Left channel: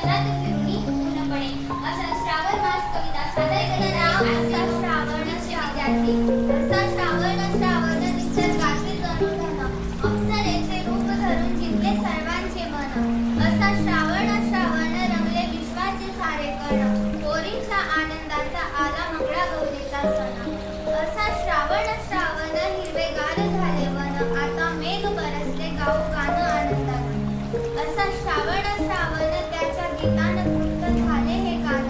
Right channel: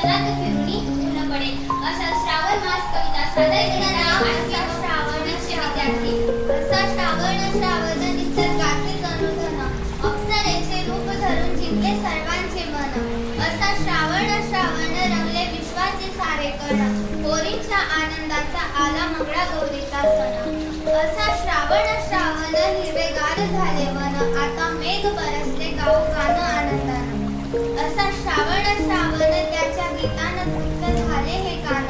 क्षणात फिरुनी ऊन पडे. असा श्रावण मास कविता सादर करणारा असा श्रावणाचे विद्यार्थी. असा श्रावण निसर्गाचे जनुधन, अप्सरेचे रूप धरून जिंकले सर्वांचे मन. असा श्रावण रंगले विश्वाचे सारे कण, पोरींच्या आनंदाचा आला मंगळागौरीचा सण. असा श्रावण हिरवेगार झाले वन, आता मेघ बरसले गाऊ गाणं आनंदानं. असा श्रावण त्याच्या गीतानं तृप्त झाले हे कान,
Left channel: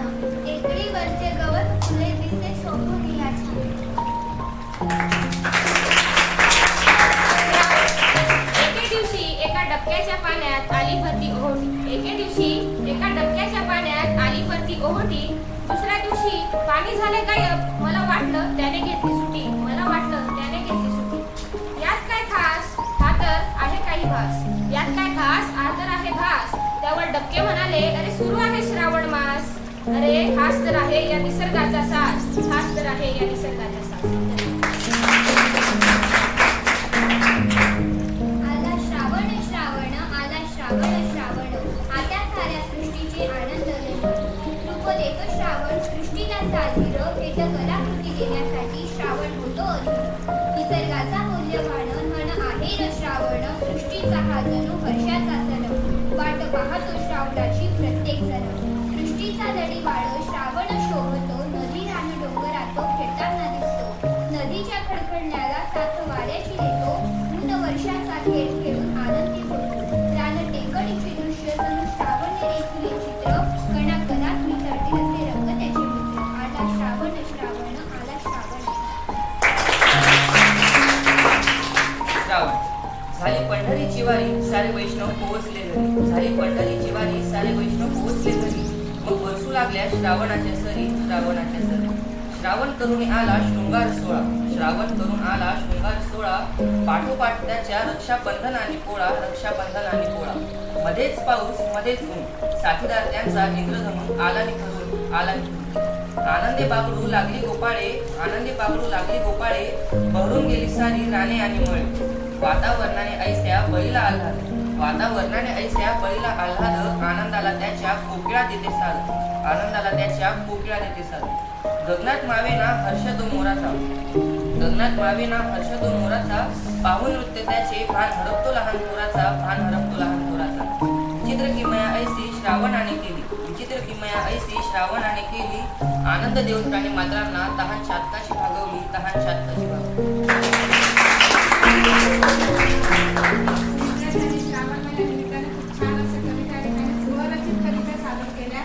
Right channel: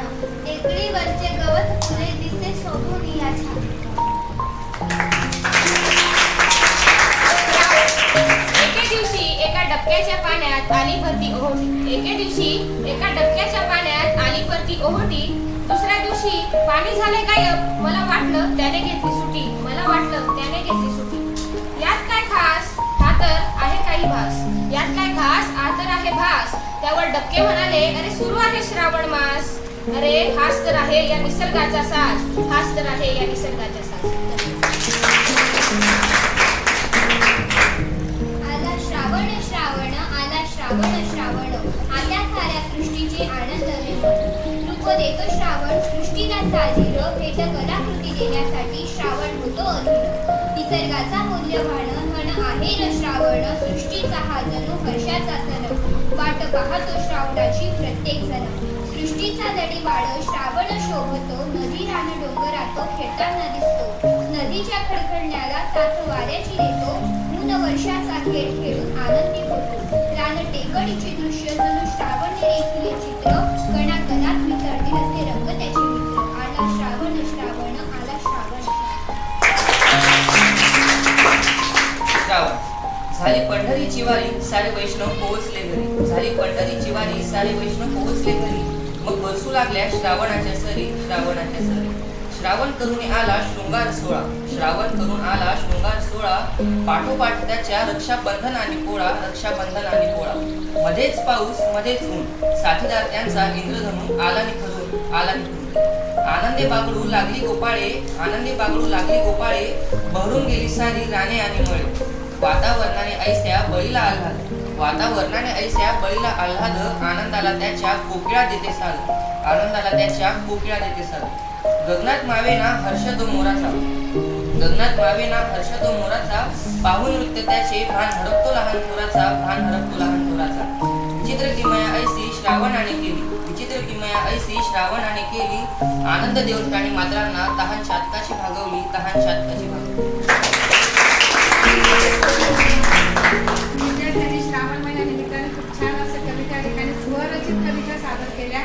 टेकडीवरचे गवत फुले दिसे शोभून या छान. एके दिवशी एका डबक्याच्या पाण्यात आली भरती ओहोटी. एके दिवशी एका डबक्याच्या पाण्यात आली भरती ओहोटी. दुसऱ्या दिवशी पाणी झाले गायब, मला वाटलं त्याने घेतली सुटी. मला वाटलं त्याने घेतली सुटी. यात काय खास, हा तर आहे काही भास. यात काय खास, हा तर आहे भास. त्यावर डबके म्हणाले, अरे सुरू आहे श्रावण मास. अरे हाच तर आहे या निसर्गाचा साज, हाच तर आहे या निसर्गाचा साज. आला श्रावण आला श्रावण आता साऱ्या सृष्टीचे आनंद रूप देतो श्रावण सृष्टीला साजीर. भेट कलाकृती देण्यासाठी श्रावण होतो अधीर. निसर्गाचा मूल्यवान म्हण आहे र श्रावण, सृष्टीचा हा जणू हर्षाचा सण. वाट पाहतो श्रावणाची प्रत्येक जण, सृष्टीचा जडीवाळ श्रावण शोभतो. नदी रान डोंगरात खेळताना दिसतो, नदीच्या खडखडण्याला साथ वाऱ्याची देतो. ऊन वर्षाचा खेळ खेळून आनंदी होतो. रान टेकडीचे दृश्य जणू श्रावण रेखिले चित्र, कणाकणात मिसळतील असे रंग त्याचे मित्र. आला श्रावण आला श्रावण. श्रावण झाली पंढरीची वारी, सारे वैष्णव पोहोचले घरी. झाली पंढरीची वारी, सारे वैष्णव पोहोचले घरी. मग बरसू लागल्या श्रावणाच्या सरी, श्रावणाच्या सरी. श्रावण करून आला शृंगार सोळा, श्रावण करून आला शृंगार सोळा. पाठोपाठ त्याच्या रक्षाबंधन आणि पोळा, रक्षाबंधन आणि पोळा. मध्येच पाऊस मध्येच ऊन, साथीदार त्यांचा इंद्रधनू आला निखरून, आला निखरून. आनंदे बागडू लागली गोपाळे, आनंदे बागडू लागली गोपाळे. बहरून गेली सारी राणे आणि मळे. वातावरणाने ऐस्या बळीला आल्हाद, वातावरणाने ऐस्या बळीला आल्हाद. आनंदाला त्याच्या कोकिळा देते साद, आनंदाला त्याच्या कोकिळा देते साद. गगनात मावेना हर्ष तो मोराचा, गगनात मावेना हर्ष तो मोराचा. पाहून नृत्य त्याचे भान हरपतो लहान थोराचा, भान हरपतो लहान थोराचा. विचित्र किमया ऐसी श्रावणाने केली, विचित्र किमया ऐसी श्रावणाने केली. आनंद देऊन प्राणी मात्रांना तहान शातकाची भागवली, तहान शातकाची भागवली. विद्यार्थ्यांनी श्रावण महिन्यानिमित्ताने खूप छान असं कविता ठिकाणी स्वरचित कविता सादर केल्या.